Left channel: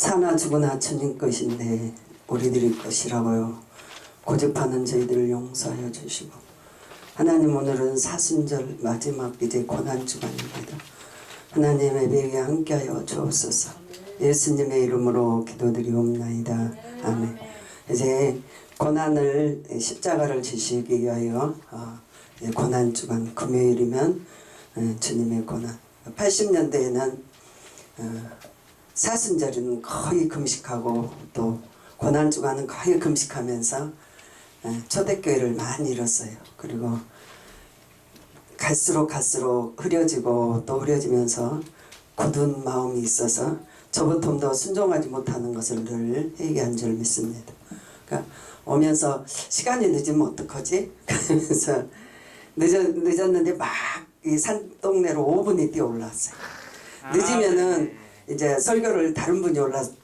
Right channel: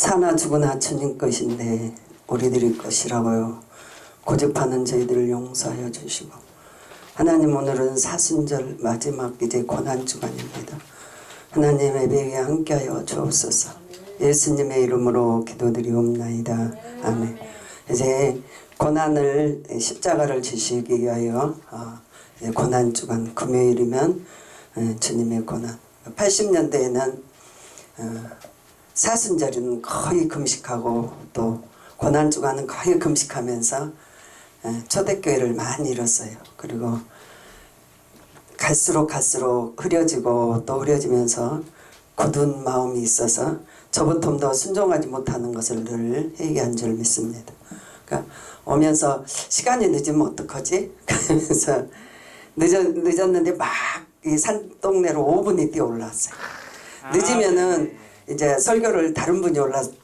사나 죽으나 주님 것인데 우리들의 것이라고요. 고집하는 저희들을 용서하여 주시고, 하나님, 오늘은 사순절 마지막 이제 고난주간입니다. 하나님, 예배에 함께하여 주옵소서. 예수님의 이름으로 기도드리옵나이다. 아멘. 이제 고난을, 십자가를 지시기 위하여 고난주간 금요일이면 주님의 고난. 80년대에는 사순절은 거의 금식하고 또 고난주간은 거의 금식하면서 초대교회를 많이 잃었어요. 그리고 갈수록 흐려지고 또 흐려지면서 굳은 마음이 있어서 저부터도 순종하지 못하는 것을 늘 회개한 줄 믿습니다. 그러니까 오면서 시간이 늦으면 어떡하지? 그러면서 늦었는데 막 이 산동네로 5분이 뛰어 올라왔어요. 늦으면은 이제 설교를 다른 분이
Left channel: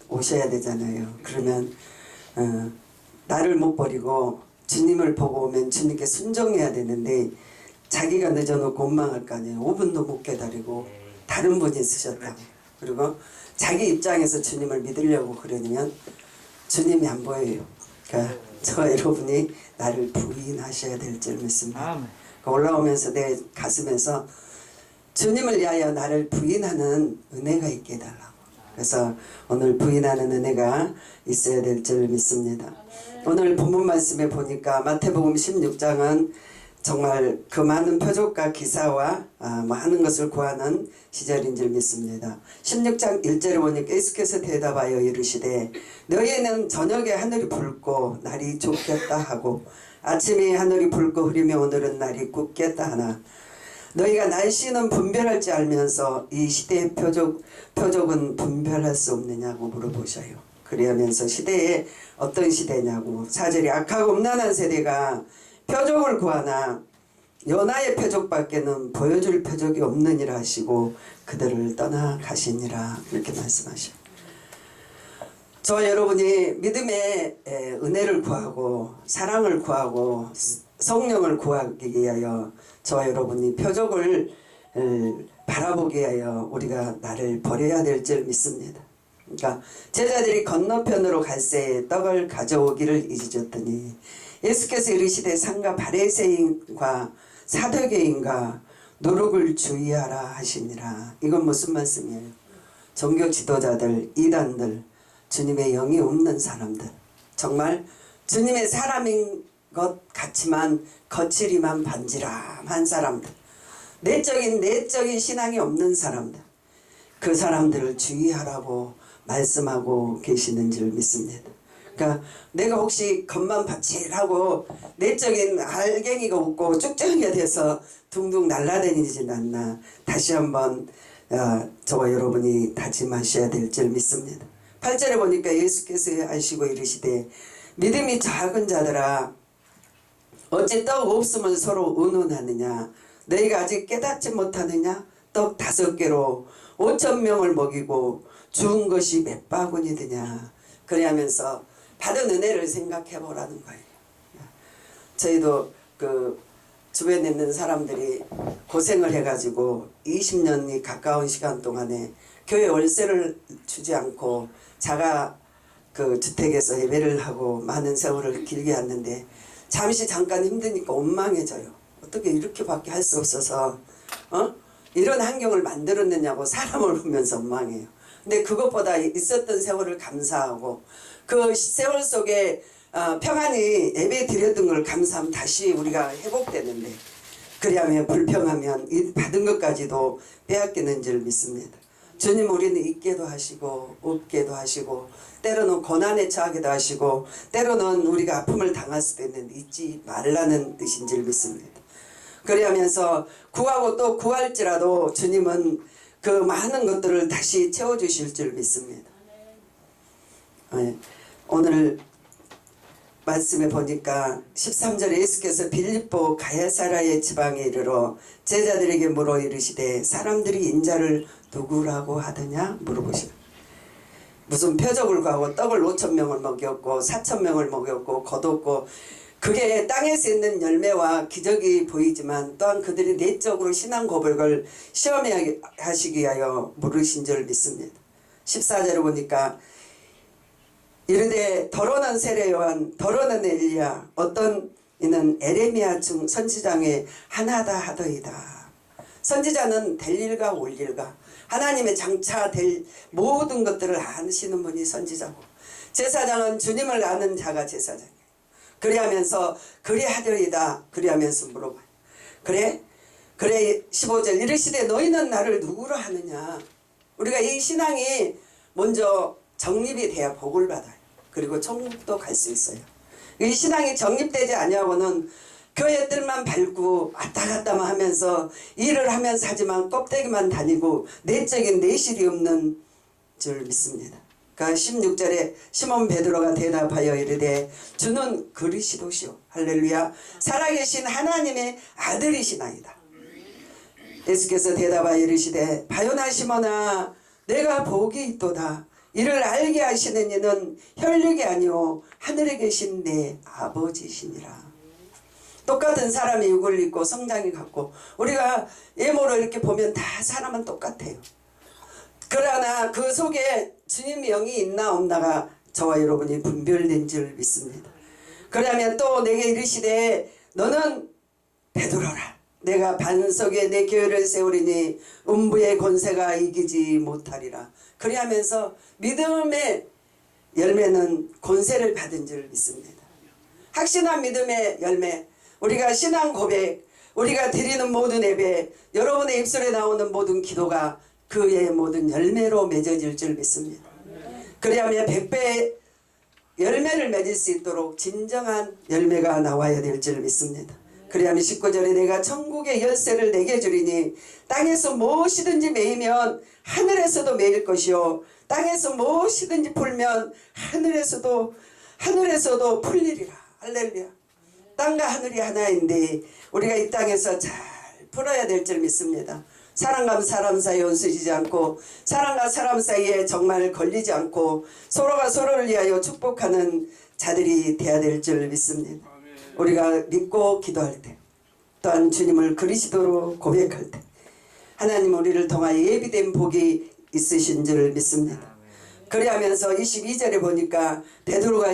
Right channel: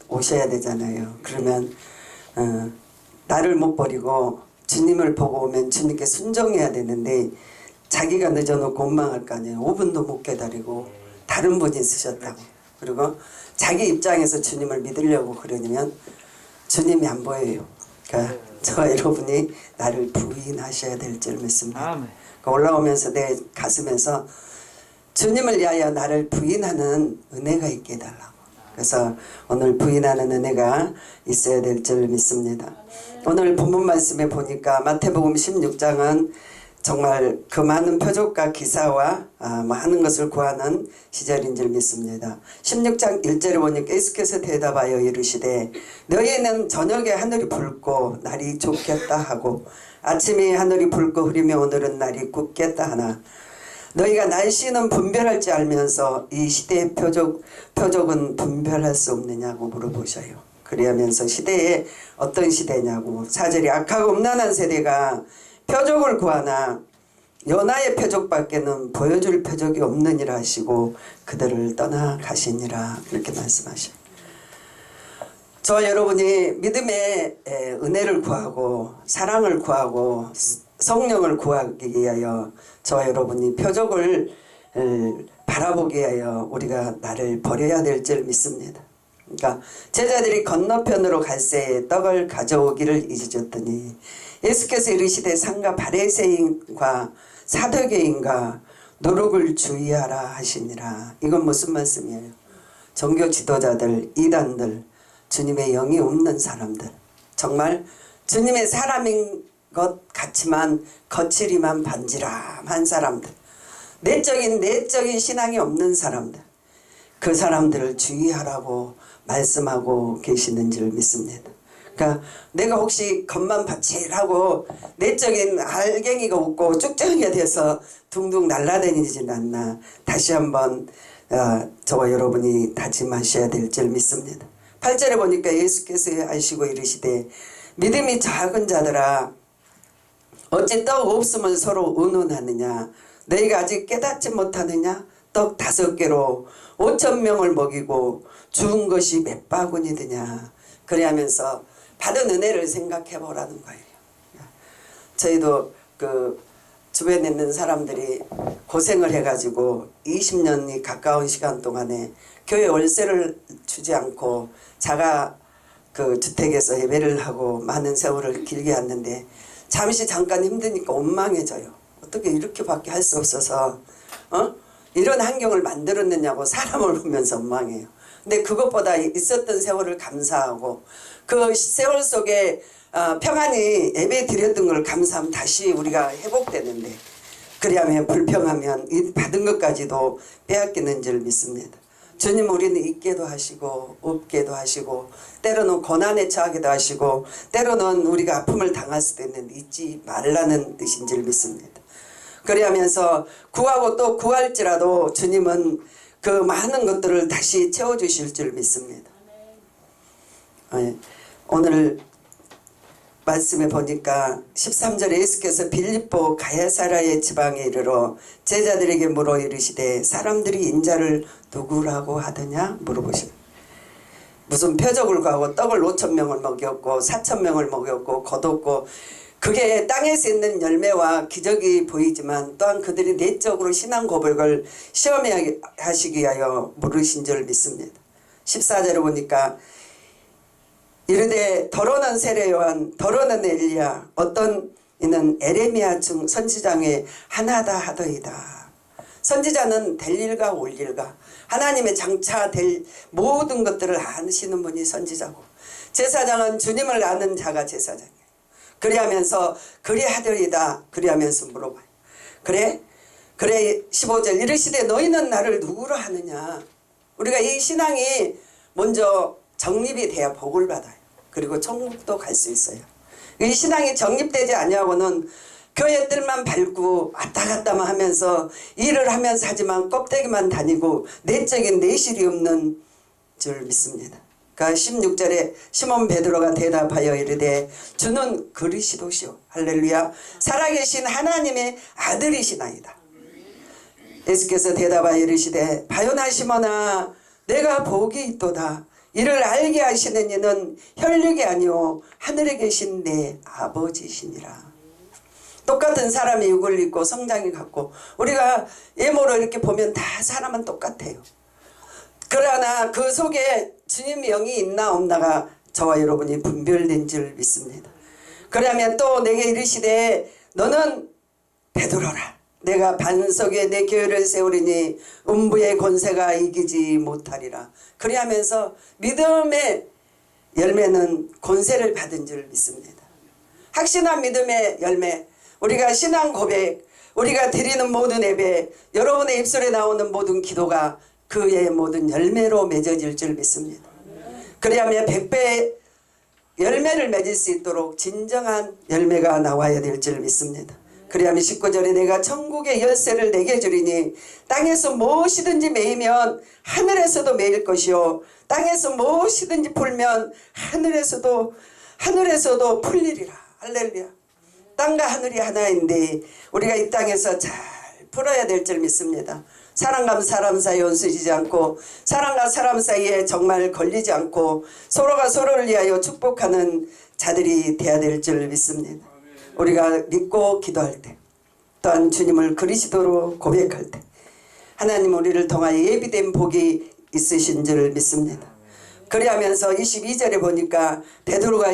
오셔야 되잖아요. 그러면 나를 못 버리고 주님을 보고 오면 주님께 순종해야 되는데 자기가 늦어놓고 원망할 거 아니에요. 5분도 못 기다리고 다른 분이 쓰셨다고. 그리고 자기 입장에서 주님을 믿으려고 그러면 주님이 안 보여요. 그러니까 저 여러분이 나를 부인하셔야 될 줄 믿습니다. 올라오면서 내 가슴에서 주님을 위하여 나를 부인하는 은혜가 있게 해달라고. 그래서 오늘 부인하는 은혜가 있어야 될 줄 믿습니다. 오늘 본문 말씀에 보니까 마태복음 16장은 정말 그 많은 표적과 기사와 많은 것을 구하는 시절인 줄 믿습니다. 16장 1절에 보니까 예수께서 대답하여 이르시되 너희는 저녁에 하늘이 붉고 날이 좁겠다 하고 아침에 하늘이 붉고 흐리며 오늘은 날이 굽겠다 하나 너희가 날씨는 분별할 줄 알면서 이 시대의 표적은 분별할 수 없느냐고 물어보셔요. 그리하면서 시대에 어떤 시대냐고. 4절에 악하고 음란한 세대가 표적을 구하나 요나의 표적밖에는 보여줄 표적이 없느니라 하시고 그들을 떠나가시니라. 이렇게 말씀하셔요. 저 여러분이 믿음의 은혜를 구하고 사랑을 구하고 성령을 구하기 위하여 저와 여러분이 표적을 바라보기 위하여 우리가 나를 버려야 될 줄 믿습니다. 그러니까 제자들이 건너편으로 갈새에 떡을 가져오기를 잊으셨더니 예수께서 이르시되 상가 바리새인과 사두개인과 노룩을 주의하라 하시니라. 이건 무슨 말씀이에요? 종교 지도자들, 이단들, 주님의 영이 없는 사람들, 정말 주님의 사람인 것 같지만 거칠이만 반지람한 사람들, 내적인 신앙이 없는 사람들, 그 사람들을 주의하라고 말씀하고 계시는 줄 믿습니다. 그러니까 내가 혹시 겉만 바칠하고 내적인 알갱이가 없고 쭉쭉이가 돼서 둥둥 날아다니진 않나 다시 한번 저와 여러분이 다짐하셔야 될 줄 믿습니다. 8절에 보니까 예수께서 하시고 이르시되 믿음이 작은 자들아 어찌 떡 없으면 서로 의논하느냐 너희가 아직 깨닫지 못하느냐 떡 5개로 5,000명을 먹이고 주운 것이 몇 바구니드냐. 그러면서 받은 은혜를 생각해 보라는 거예요. 저희도 그 주변에 있는 사람들이 고생을 해가지고 20년이 가까운 시간 동안에 교회 월세를 주지 않고 자가 그 주택에서 예배를 하고 많은 세월을 길게 했는데 잠깐 힘드니까 원망해져요. 어떻게 이렇게밖에 할 수 없어서 이런 환경을 만들었느냐고 사람을 보면서 원망해요. 근데 그것보다 있었던 세월을 감사하고 그 세월 속에 평안히 예배 드렸던 걸 감사하면 다시 우리가 회복되는데 그리하면 불평하면 이 받은 것까지도 빼앗기는 줄 믿습니다. 주님 우리는 있게도 하시고 없게도 하시고 때로는 고난에 처하기도 하시고 때로는 우리가 아픔을 당할 수도 있는데 잊지 말라는 뜻인 줄 믿습니다. 그리하면서 구하고 또 구할지라도 주님은 그 많은 것들을 다시 채워주실 줄 믿습니다. 오늘 말씀에 보니까 13절에 예수께서 빌립보 가야사라의 지방에 이르러 제자들에게 물어 이르시되 사람들이 인자를 누구라고 하더냐 물어보시다. 무슨 표적을 구하고 떡을 5,000명을 먹였고 4,000명을 먹였고 거뒀고 그게 땅에서 있는 열매와 기적이 보이지만 또한 그들이 내적으로 신앙 고백을 시험하시기 위하여 물으신 줄 믿습니다. 14절에 보니까 이르되 더러는 세례 요한 더러는 엘리야 어떤 이는 에레미야 중 선지장의 하나다 하더이다. 선지자는 될 일과 올 일과 하나님의 장차 될 모든 것들을 아시는 분이 선지자고, 제사장은 주님을 아는 자가 제사장이에요. 그리하면서 그리하더이다. 그리하면서 물어봐요. 그래 15절 이르시되 너희는 나를 누구로 하느냐. 우리가 이 신앙이 먼저 정립이 돼야 복을 받아요. 그리고 천국도 갈 수 있어요. 이 신앙이 정립되지 아니하고는 교회들만 밟고 왔다 갔다만 하면서 일을 하면서 하지만 껍데기만 다니고 내적인 내실이 없는 줄 믿습니다. 그러니까 16절에 시몬 베드로가 대답하여 이르되 주는 그리스도시오. 할렐루야. 살아계신 하나님의 아들이시나이다. 예수께서 대답하여 이르시되 바요나 시몬아 내가 복이 있도다. 이를 알게 하시는 이는 혈육이 아니오 하늘에 계신 내 아버지시니라. 똑같은 사람이 육을 입고 성장이 같고 우리가 예모로 이렇게 보면 다 사람은 똑같아요. 그러나 그 속에 주님의 영이 있나 없나가 저와 여러분이 분별된 줄 믿습니다. 그러면 또 내게 이르시되 너는 베드로라. 내가 반석에 내 교회를 세우리니 음부의 권세가 이기지 못하리라. 그리하면서 믿음의 열매는 권세를 받은 줄 믿습니다. 확신한 믿음의 열매, 우리가 신앙 고백, 우리가 드리는 모든 예배, 여러분의 입술에 나오는 모든 기도가 그의 모든 열매로 맺어질 줄 믿습니다. 그리하면 100배의 열매를 맺을 수 있도록 진정한 열매가 나와야 될 줄 믿습니다. 그리하면 19절에 내가 천국의 열쇠를 내게 주리니 땅에서 무엇이든지 매이면 하늘에서도 매일 것이요 땅에서 무엇이든지 풀면 하늘에서도 풀리리라. 할렐루야. 땅과 하늘이 하나인데 우리가 이 땅에서 잘 풀어야 될 줄 믿습니다. 사람과 사람 사이에 온수지지 않고 사람과 사람 사이에 정말 걸리지 않고 서로가 서로를 위하여 축복하는 자들이 되어야 될 줄 믿습니다. 우리가 믿고 기도할 때 또한 주님을 그리스도로 고백할 때 하나님 우리를 통하여 예비된 복이 있으신 줄 믿습니다. 그리하면서 22절에 보니까 베드로가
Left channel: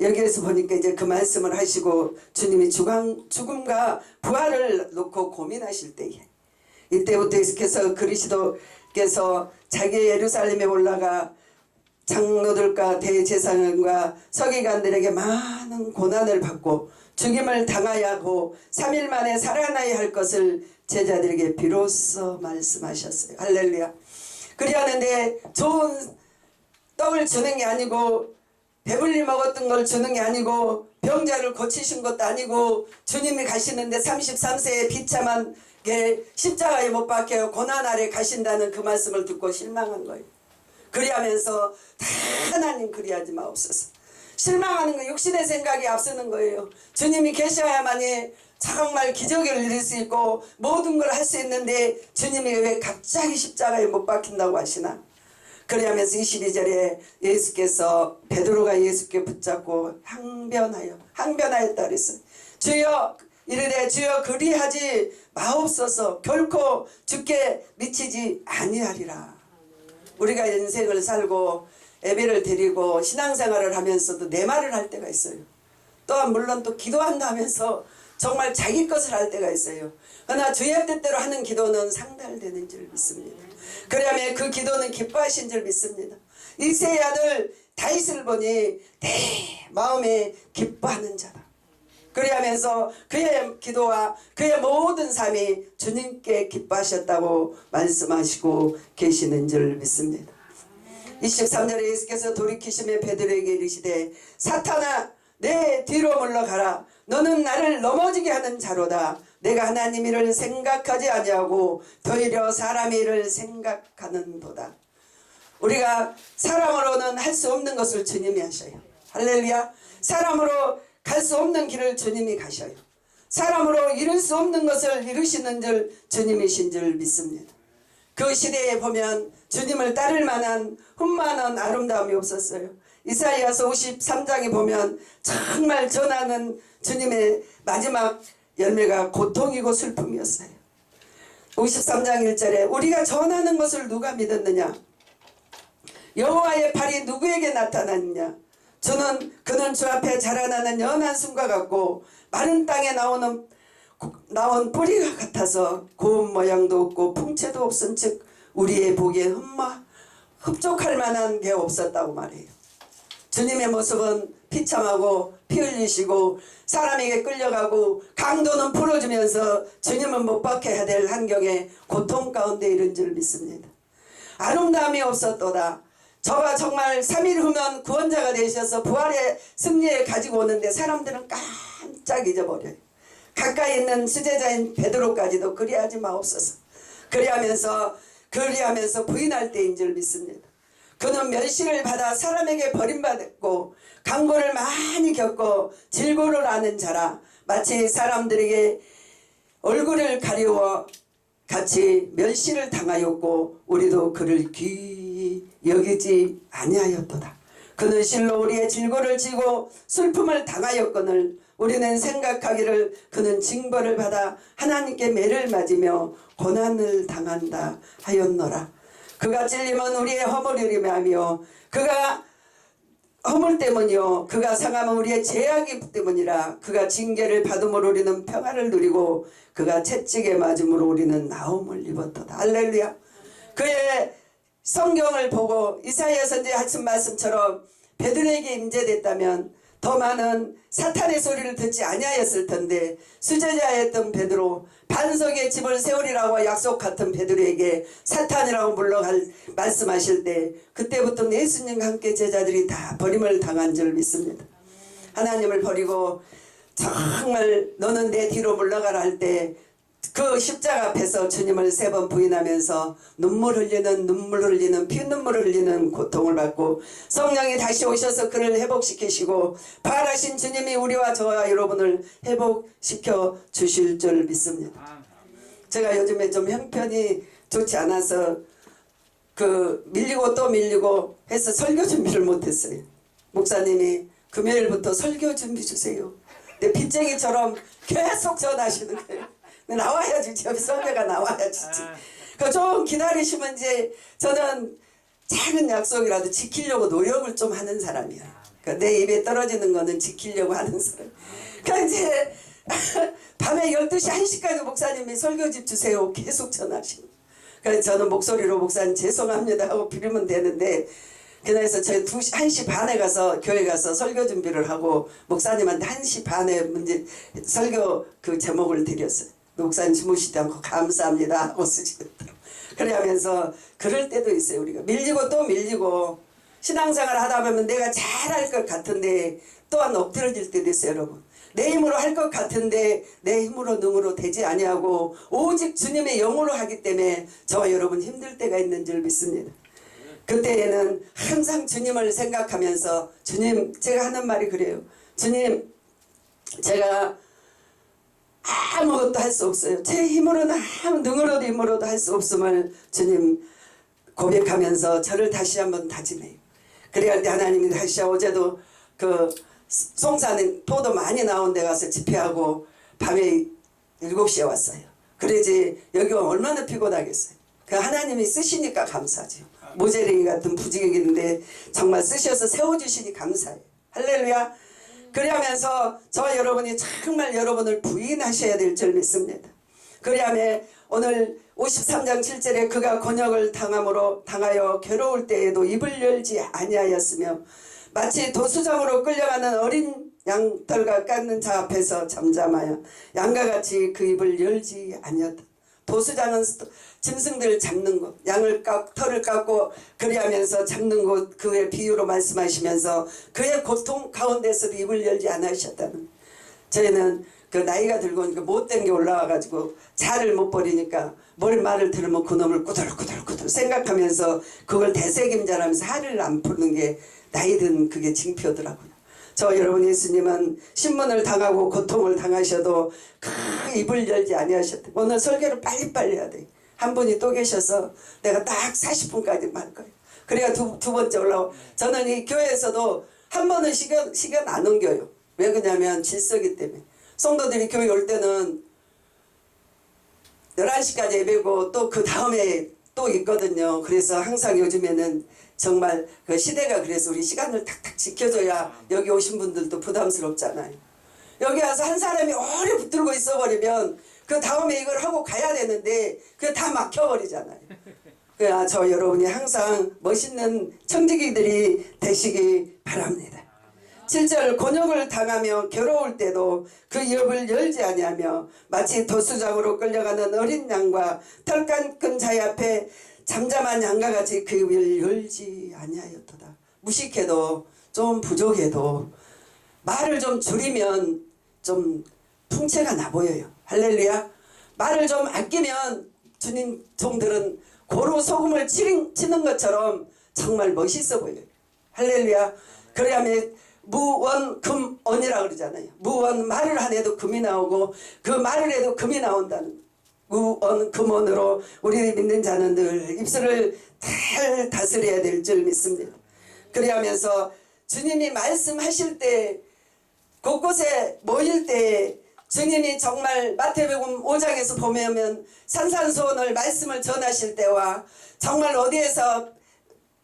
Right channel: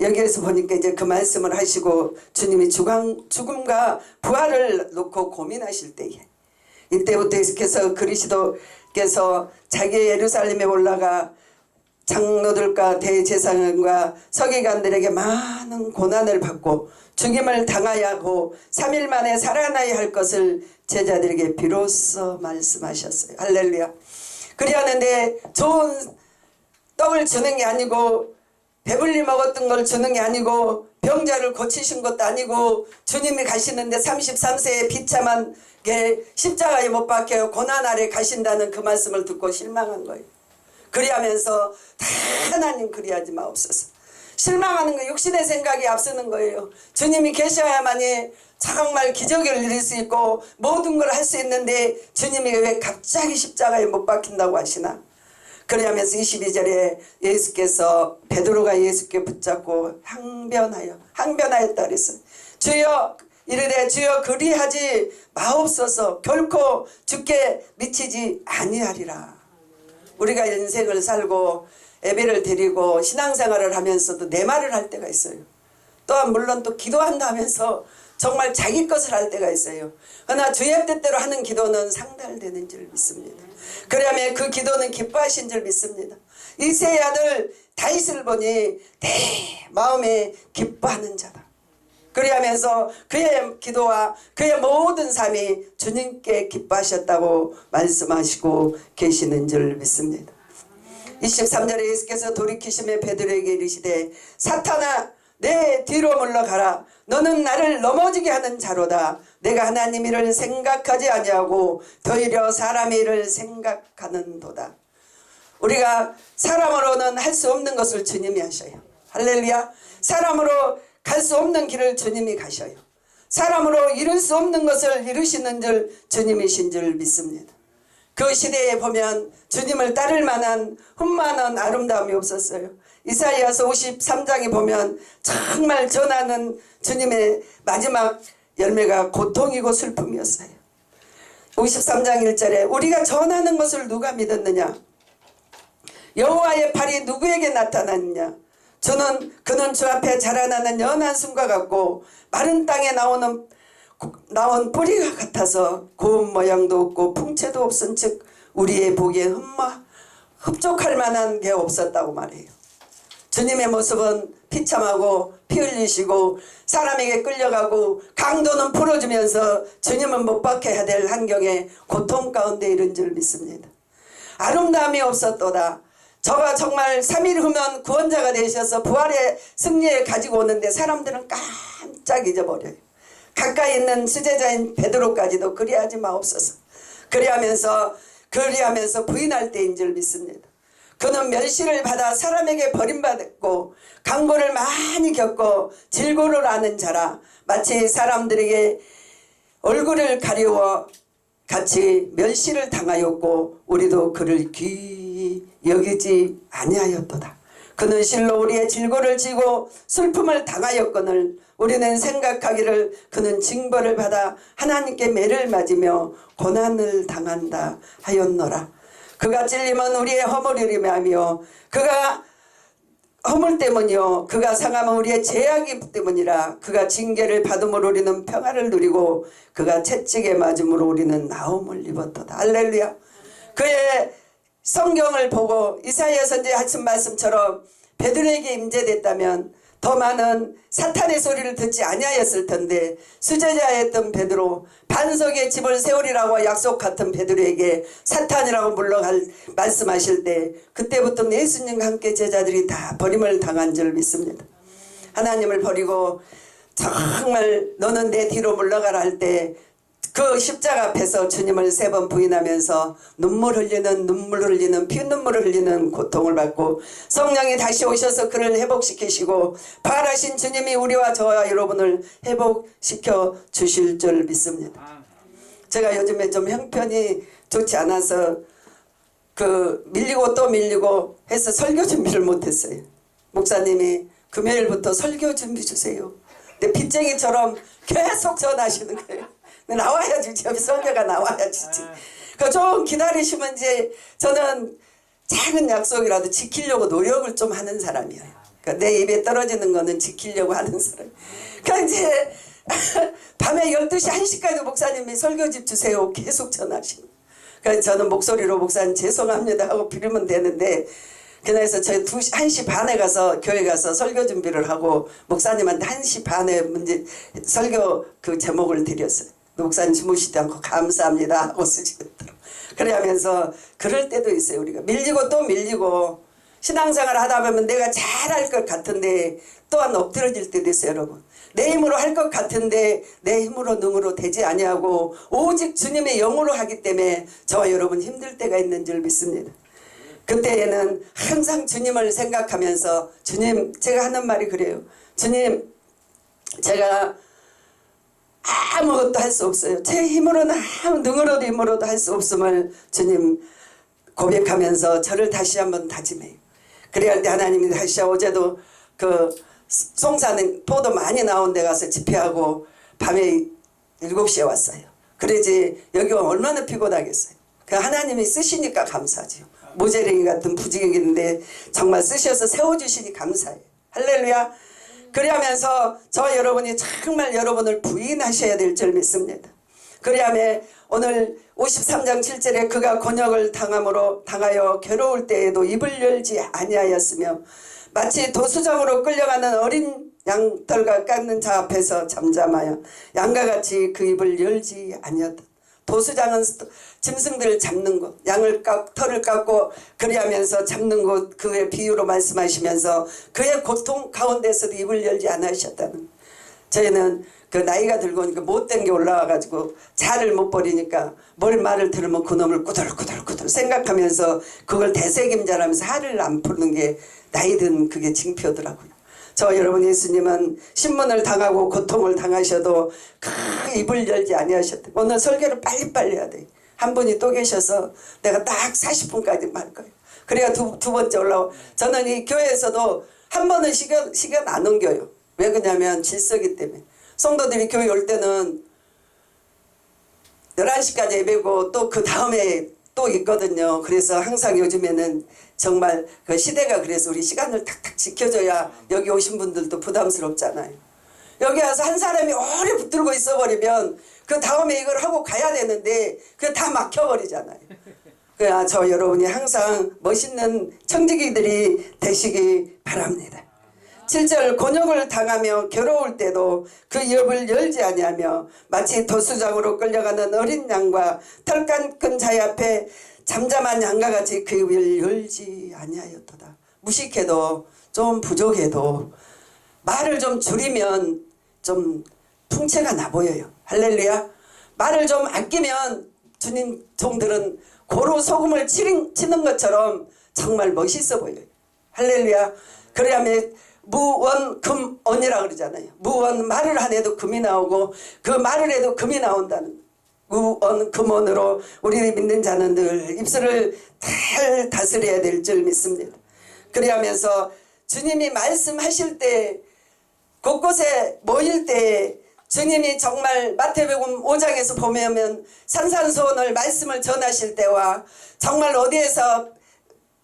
여기에서 보니까 이제 그 말씀을 하시고 주님이 죽음과 부활을 놓고 고민하실 때에 이때부터 예수께서 그리스도께서 자기 예루살렘에 올라가 장로들과 대제사장과 서기관들에게 많은 고난을 받고 죽임을 당하야 하고 3일 만에 살아나야 할 것을 제자들에게 비로소 말씀하셨어요. 할렐루야. 그리하는데 좋은 떡을 주는 게 아니고 배불리 먹었던 걸 주는 게 아니고 병자를 고치신 것도 아니고 주님이 가시는데 33세에 비참한 게 십자가에 못 박혀 고난 아래 가신다는 그 말씀을 듣고 실망한 거예요. 그리하면서 다 하나님 그리하지 마옵소서. 실망하는 거 육신의 생각이 앞서는 거예요. 주님이 계셔야만이 정말 기적을 이룰 수 있고 모든 걸 할 수 있는데 주님이 왜 갑자기 십자가에 못 박힌다고 하시나. 그러면서 22절에 예수께서 베드로가 예수께 붙잡고 항변하였다 그랬어요. 주여 이르되 주여 그리하지 마옵소서. 결코 죽게 미치지 아니하리라. 우리가 인생을 살고 예배를 드리고 신앙생활을 하면서도 내 말을 할 때가 있어요. 또한 물론 또 기도한다 하면서 정말 자기 것을 할 때가 있어요. 그러나 주의 뜻대로 하는 기도는 상달되는 줄 믿습니다. 그러면 그 기도는 기뻐하신 줄 믿습니다. 이새의 아들 다윗을 보니 내 마음에 기뻐하는 자다. 그리하면서 그의 기도와 그의 모든 삶이 주님께 기뻐하셨다고 말씀하시고 계시는 줄 믿습니다. 23절에 예수께서 돌이키심에 베드로에게 이르시되 사탄아 내 뒤로 물러가라. 너는 나를 넘어지게 하는 자로다. 내가 하나님 일을 생각하지 아니하고 도리어 사람 일을 생각하는도다. 우리가 사람으로는 할 수 없는 것을 주님이 하셔요. 할렐루야. 사람으로 갈 수 없는 길을 주님이 가셔요. 사람으로 이룰 수 없는 것을 이루시는 줄 주님이신 줄 믿습니다. 그 시대에 보면 주님을 따를 만한 흠만한 아름다움이 없었어요. 이사야서 53장에 보면 정말 전하는 주님의 마지막 열매가 고통이고 슬픔이었어요. 53장 1절에 우리가 전하는 것을 누가 믿었느냐? 여호와의 팔이 누구에게 나타났느냐? 그는 주 앞에 자라나는 연한 순과 같고 마른 땅에 나온 뿌리가 같아서 고운 모양도 없고 풍채도 없은즉 우리의 보기에 흡족할 만한 게 없었다고 말해요. 주님의 모습은 비참하고 피 흘리시고 사람에게 끌려가고 강도는 풀어주면서 주님은 못 박혀야 될 환경에 고통 가운데 이른 줄 믿습니다. 아름다움이 없었도다. 저가 정말 3일 후면 구원자가 되셔서 부활의 승리에 가지고 오는데 사람들은 깜짝 잊어버려요. 가까이 있는 수제자인 베드로까지도 그리하지 마옵소서. 그리하면서 부인할 때인 줄 믿습니다. 그는 멸시를 받아 사람에게 버림받았고 강고를 많이 겪고 질고를 하는 자라 마치 사람들에게 얼굴을 가리워 같이 멸시를 당하였고 우리도 그를 귀히 여기지 아니하였도다. 그는 실로 우리의 질고를 지고 슬픔을 당하였거늘 우리는 생각하기를 그는 징벌을 받아 하나님께 매를 맞으며 고난을 당한다 하였노라. 그가 찔림은 우리의 허물이리며 하며 그가 허물 때문이요 그가 상함은 우리의 죄악이 때문이라. 그가 징계를 받음으로 우리는 평화를 누리고 그가 채찍에 맞음으로 우리는 나음을 입었도다. 할렐루야. 그의 성경을 보고 이사야 선지자 하신 말씀처럼 베드로에게 임재됐다면 더 많은 사탄의 소리를 듣지 아니하였을 텐데 수제자였던 베드로, 반석의 집을 세우리라고 약속 같은 베드로에게 사탄이라고 말씀하실 때 그때부터 예수님과 함께 제자들이 다 버림을 당한 줄 믿습니다. 하나님을 버리고 정말 너는 내 뒤로 물러가라 할 때 그 십자가 앞에서 주님을 3번 부인하면서 눈물을 흘리는 피눈물을 흘리는 고통을 받고 성령이 다시 오셔서 그를 회복시키시고 부활하신 주님이 우리와 저와 여러분을 회복시켜 주실 줄 믿습니다. 제가 요즘에 좀 형편이 좋지 않아서 밀리고 또 밀리고 해서 설교 준비를 못했어요. 목사님이 금요일부터 설교 준비 주세요. 근데 빚쟁이처럼 계속 전하시는 거예요. 나와야지, 여기 설교가 나와야지. 좀 기다리시면 이제 저는 작은 약속이라도 지키려고 노력을 좀 하는 사람이에요. 내 입에 떨어지는 거는 지키려고 하는 사람. 그러니까 이제 밤에 12시, 1시까지 목사님이 설교집 주세요. 계속 전하시는. 그래서 저는 목소리로 목사님 죄송합니다 하고 빌으면 되는데 그래서 저희 1시 반에 가서 교회 가서 설교 준비를 하고 목사님한테 1시 반에 설교 그 제목을 드렸어요. 목사님 주무시지 않고 감사합니다 하고 쓰시더라고요. 그러면서 그럴 때도 있어요. 우리가 밀리고 또 밀리고 신앙생활을 하다 보면 내가 잘할 것 같은데 또한 엎드러질 때도 있어요. 여러분, 내 힘으로 할 것 같은데 내 힘으로 능으로 되지 아니하고 오직 주님의 영으로 하기 때문에 저와 여러분 힘들 때가 있는 줄 믿습니다. 그때에는 항상 주님을 생각하면서 주님, 제가 하는 말이 그래요. 주님, 제가 아무것도 할 수 없어요. 제 힘으로는 능으로도 힘으로도 할 수 없음을 주님 고백하면서 저를 다시 한번 다짐해요. 그래야 할 때 하나님이 다시 어제도 송산에 포도 많이 나온 데 가서 집회하고 밤에 7시에 왔어요. 그러지 여기 얼마나 피곤하겠어요. 하나님이 쓰시니까 감사하죠. 모재랭이 같은 부지기인데 정말 쓰셔서 세워주시니 감사해요. 할렐루야. 그리하면서 저와 여러분이 정말 여러분을 부인하셔야 될 줄 믿습니다. 그리하며 오늘 53장 7절에 그가 곤욕을 당하여 괴로울 때에도 입을 열지 아니하였으며 마치 도수장으로 끌려가는 어린 양털과 깎는 자 앞에서 잠잠하여 양과 같이 그 입을 열지 아니었다. 도수장은 짐승들을 잡는 곳, 털을 깎고 그리하면서 잡는 곳, 그의 비유로 말씀하시면서 그의 고통 가운데서도 입을 열지 않으셨다는. 저희는 나이가 들고 오니까 못된 게 올라와가지고 잘을 못 버리니까 말을 들으면 그놈을 꾸들꾸들 생각하면서 그걸 되새김질하면서 화를 안 푸는 게 나이 든 그게 징표더라고요. 저 여러분, 예수님은 신문을 당하고 고통을 당하셔도 그 입을 열지 아니하셨대. 오늘 설교를 빨리빨리 해야 돼. 한 분이 또 계셔서 내가 딱 40분까지 말 거예요. 그래야 두 번째 올라오. 저는 이 교회에서도 한 번은 시간 안 옮겨요. 왜 그러냐면 질서기 때문에. 성도들이 교회 올 때는 11시까지 예배고 또 그 다음에 또 또 있거든요. 그래서 항상 요즘에는 정말 그 시대가 그래서 우리 시간을 탁탁 지켜줘야 여기 오신 분들도 부담스럽잖아요. 여기 와서 한 사람이 오래 붙들고 있어버리면 그 다음에 이걸 하고 가야 되는데 그게 다 막혀버리잖아요. 그래야 저 여러분이 항상 멋있는 청지기들이 되시기 바랍니다. 7절 곤욕을 당하며 괴로울 때도 그 입을 열지 아니하며 마치 도수장으로 끌려가는 어린 양과 털깎은 자의 앞에 잠잠한 양과 같이 그 입을 열지 아니하였도다. 무식해도 좀 부족해도 말을 좀 줄이면 좀 풍채가 나 보여요. 할렐루야. 말을 좀 아끼면 주님 종들은 고루 소금을 치는 것처럼 정말 멋있어 보여요. 할렐루야. 그러면 무원금언이라고 그러잖아요. 무원 말을 안 해도 금이 나오고 그 말을 해도 금이 나온다는 무원금언으로 우리 믿는 자는 늘 입술을 잘 다스려야 될 줄 믿습니다. 그리하면서 주님이 말씀하실 때 곳곳에 모일 때 주님이 정말 마태복음 5장에서 보면 산산수원을 말씀을 전하실 때와 정말 어디에서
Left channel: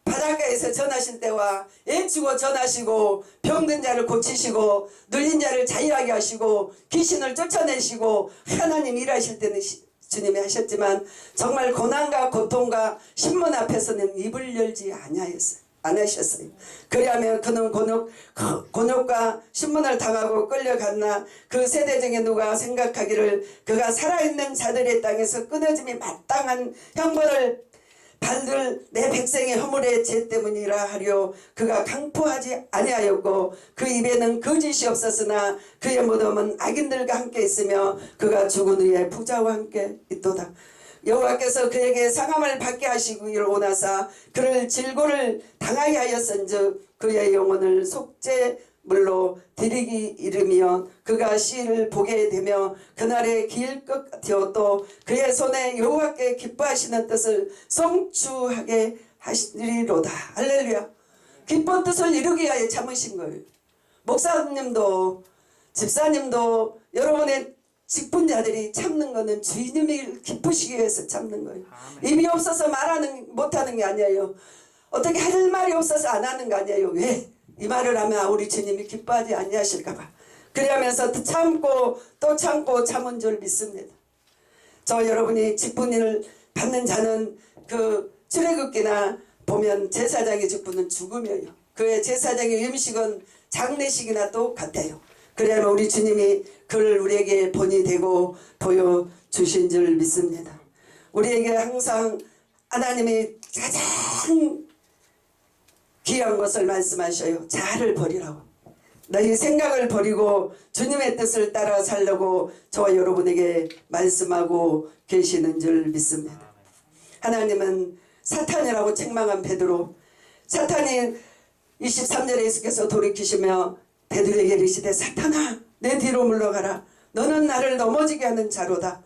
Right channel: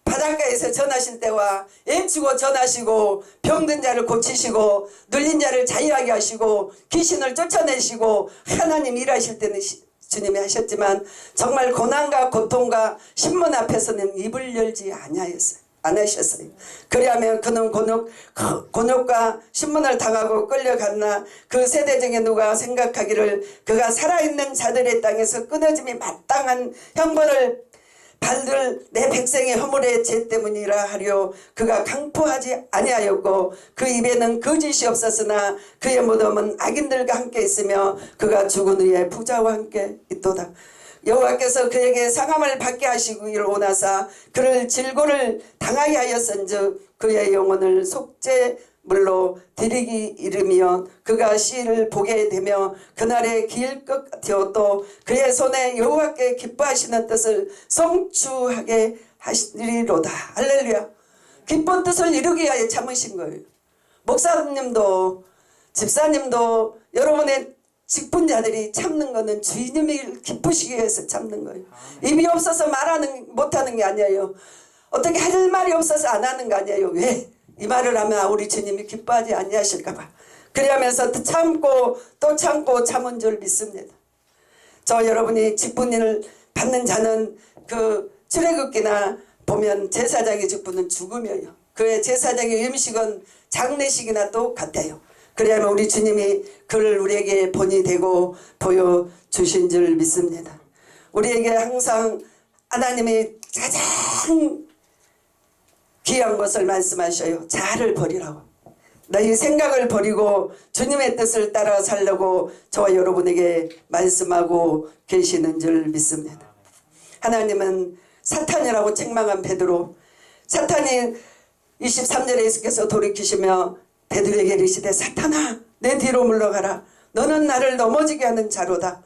바닷가에서 전하실 때와 애치고 전하시고 병든 자를 고치시고 눌린 자를 자유하게 하시고 귀신을 쫓아내시고 하나님 일하실 때는 주님이 하셨지만 정말 고난과 고통과 신문 앞에서는 입을 열지 않으셨어요. 그리하면 그는 곤욕과 신문을 당하고 끌려갔나 그 세대 중에 누가 생각하기를 그가 살아있는 자들의 땅에서 끊어짐이 마땅한 형벌을 받을 내 백성의 허물의 죄 때문이라 하려 그가 강포하지 아니하였고 그 입에는 거짓이 없었으나 그의 무덤은 악인들과 함께 있으며 그가 죽은 후에 부자와 함께 있도다. 여호와께서 그에게 상함을 받게 하시기를 원하사 그를 질고를 당하게 하였은즉 그의 영혼을 속죄물로 드리기 이르며 그가 시를 보게 되며 그날의 길 것 같으어 또 그의 손에 여호와께 기뻐하시는 뜻을 성취하게 하시리로다. 할렐루야. 기쁜 뜻을 이루기 위하여 참으신 거예요. 목사님도 집사님도 여러분의 직분자들이 참는 거는 주님이 기쁘시기 위해서 참는 거예요. 입이 없어서 못하는 게 아니에요. 어떻게 할 말이 없어서 안 하는 거 아니에요. 왜? 이 말을 하면 우리 주님이 기뻐하지 아니하실까봐. 그러면서 참고 또 참고 참은 줄 믿습니다. 저 여러분이 직분을 받는 자는 그 출애굽기나 보면 제사장의 직분은 죽음이에요. 그의 제사장의 음식은 장례식이나 똑같아요. 그래야만 우리 주님이 그를 우리에게 본이 되고 보여주신 줄 믿습니다. 우리에게 항상 하나님이 가장 귀한 것을 말씀하셔요. 자아를 버리라고. 너희 생각을 버리고 주님의 뜻을 따라 살려고 저와 여러분에게 말씀하고 계시는 줄 믿습니다. 하나님은 사탄이라고 책망한 베드로, 사탄이 23절에 예수께서 돌이키시며 베드로에게 이르시되 사탄아 내 뒤로 물러가라. 너는 나를 넘어지게 하는 자로다.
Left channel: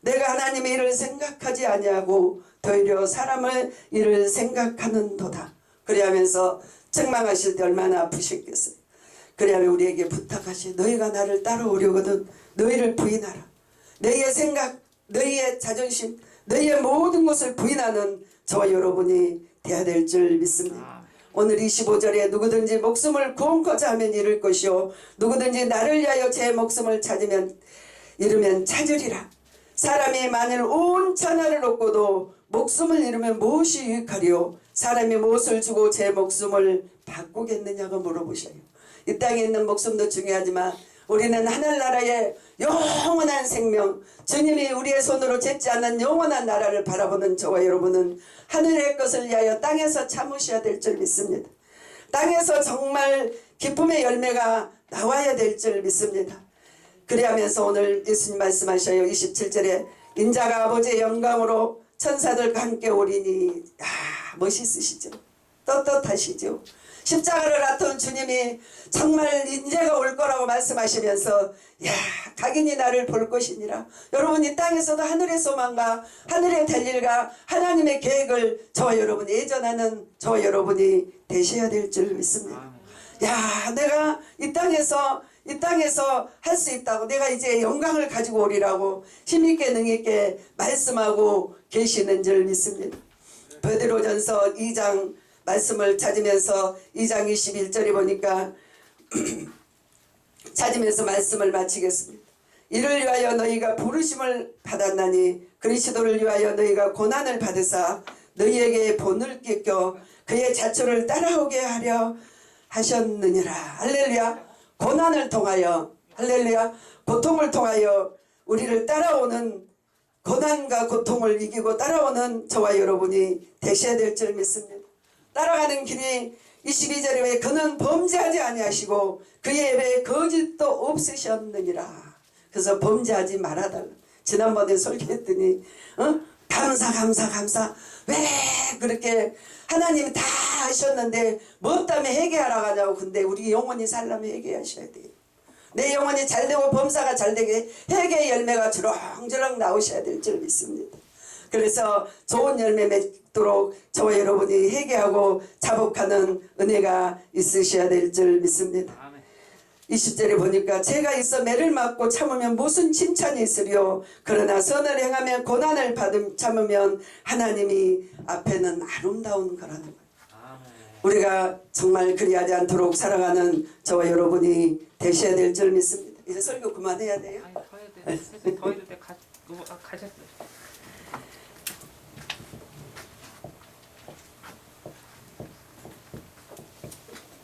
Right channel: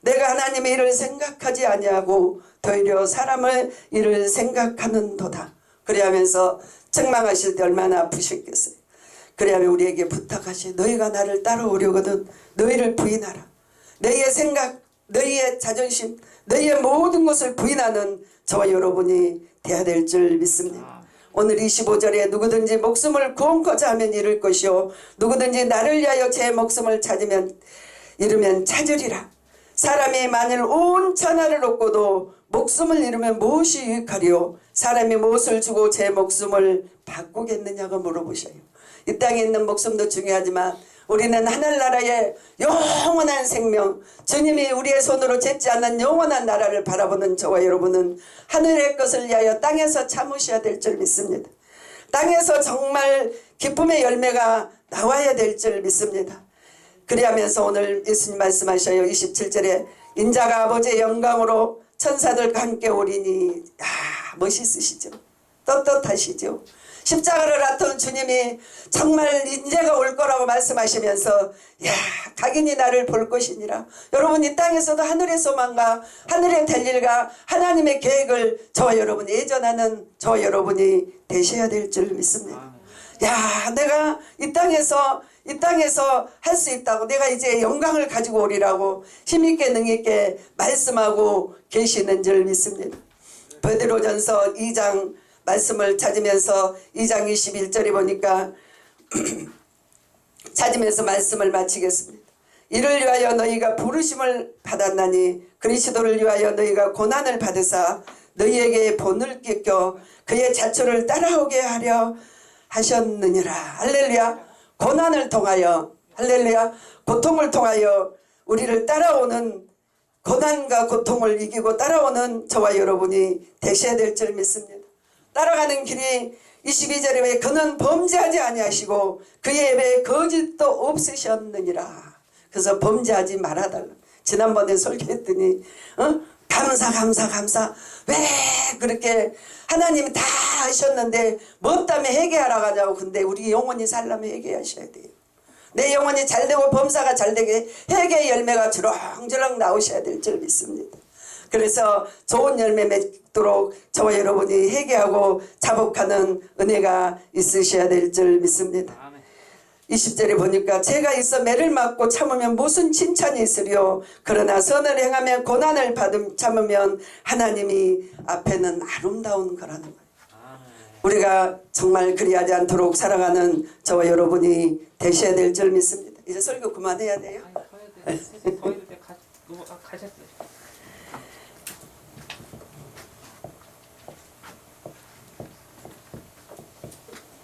내가 하나님의 일을 생각하지 아니하고 도리어 사람의 일을 생각하는도다. 그래하면서 책망하실 때 얼마나 아프셨겠어요. 그래하면 우리에게 부탁하시 너희가 나를 따라오려거든 너희를 부인하라. 너희의 생각, 너희의 자존심, 너희의 모든 것을 부인하는 저와 여러분이 되어야 될 줄 믿습니다. 오늘 25절에 누구든지 목숨을 구원코자 하면 잃을 것이요 누구든지 나를 위하여 제 목숨을 잃으면 찾으리라. 사람이 만일 온 천하를 얻고도 목숨을 잃으면 무엇이 유익하리요? 사람이 무엇을 주고 제 목숨을 바꾸겠느냐고 물어보셔요. 이 땅에 있는 목숨도 중요하지만 우리는 하늘나라의 영원한 생명, 주님이 우리의 손으로 짓지 않는 영원한 나라를 바라보는 저와 여러분은 하늘의 것을 위하여 땅에서 참으셔야 될 줄 믿습니다. 땅에서 정말 기쁨의 열매가 나와야 될 줄 믿습니다. 그리하면서 오늘 예수님 말씀하셔요. 27절에 인자가 아버지의 영광으로 천사들과 함께 오리니 멋있으시죠. 떳떳하시죠. 십자가를 놔둔 주님이 정말 인재가 올 거라고 말씀하시면서 각인이 나를 볼 것이니라. 여러분 이 땅에서도 하늘의 소망과 하늘의 될 일과 하나님의 계획을 저와 여러분이 예전하는 저와 여러분이 되셔야 될 줄 믿습니다. 내가 이 땅에서 할 수 있다고 내가 이제 영광을 가지고 오리라고 힘있게 능있게 말씀하고 계시는 줄 믿습니다. 베드로전서 2장 말씀을 찾으면서 2장 21절에 보니까 찾으면서 말씀을 마치겠습니다. 이를 위하여 너희가 부르심을 받았나니 그리스도를 위하여 너희가 고난을 받으사 너희에게 본을 껴 그의 자초를 따라오게 하려 하셨느니라. 할렐루야. 고난을 통하여, 할렐루야, 고통을 통하여 우리를 따라오는, 고난과 고통을 이기고 따라오는 저와 여러분이 되셔야 될 줄 믿습니다. 따라가는 길이 22절에 왜 그는 범죄하지 아니하시고 그의 입에 거짓도 없으셨느니라. 그래서 범죄하지 말아달라. 지난번에 설교했더니 감사 왜 그렇게 하나님이 다 하셨는데 뭐 때문에 회개하러 가냐고. 근데 우리 영혼이 살려면 회개하셔야 돼요. 내 영혼이 잘되고 범사가 잘되게 회개의 열매가 주렁주렁 나오셔야 될 줄 믿습니다. 그래서 좋은 열매 맺도록 저와 여러분이 회개하고 자복하는 은혜가 있으셔야 될 줄 믿습니다. 20절에 보니까 제가 있어 매를 맞고 참으면 무슨 칭찬이 있으리요. 그러나 선을 행하며 고난을 참으면 하나님이 앞에는 아름다운 거라는 거예요. 우리가 정말 그리하지 않도록 살아가는 저와 여러분이 되셔야 될 줄 믿습니다. 이제 설교 그만해야 돼요. 아니, 더 해야 돼. 더 해도 돼. 가셨어요.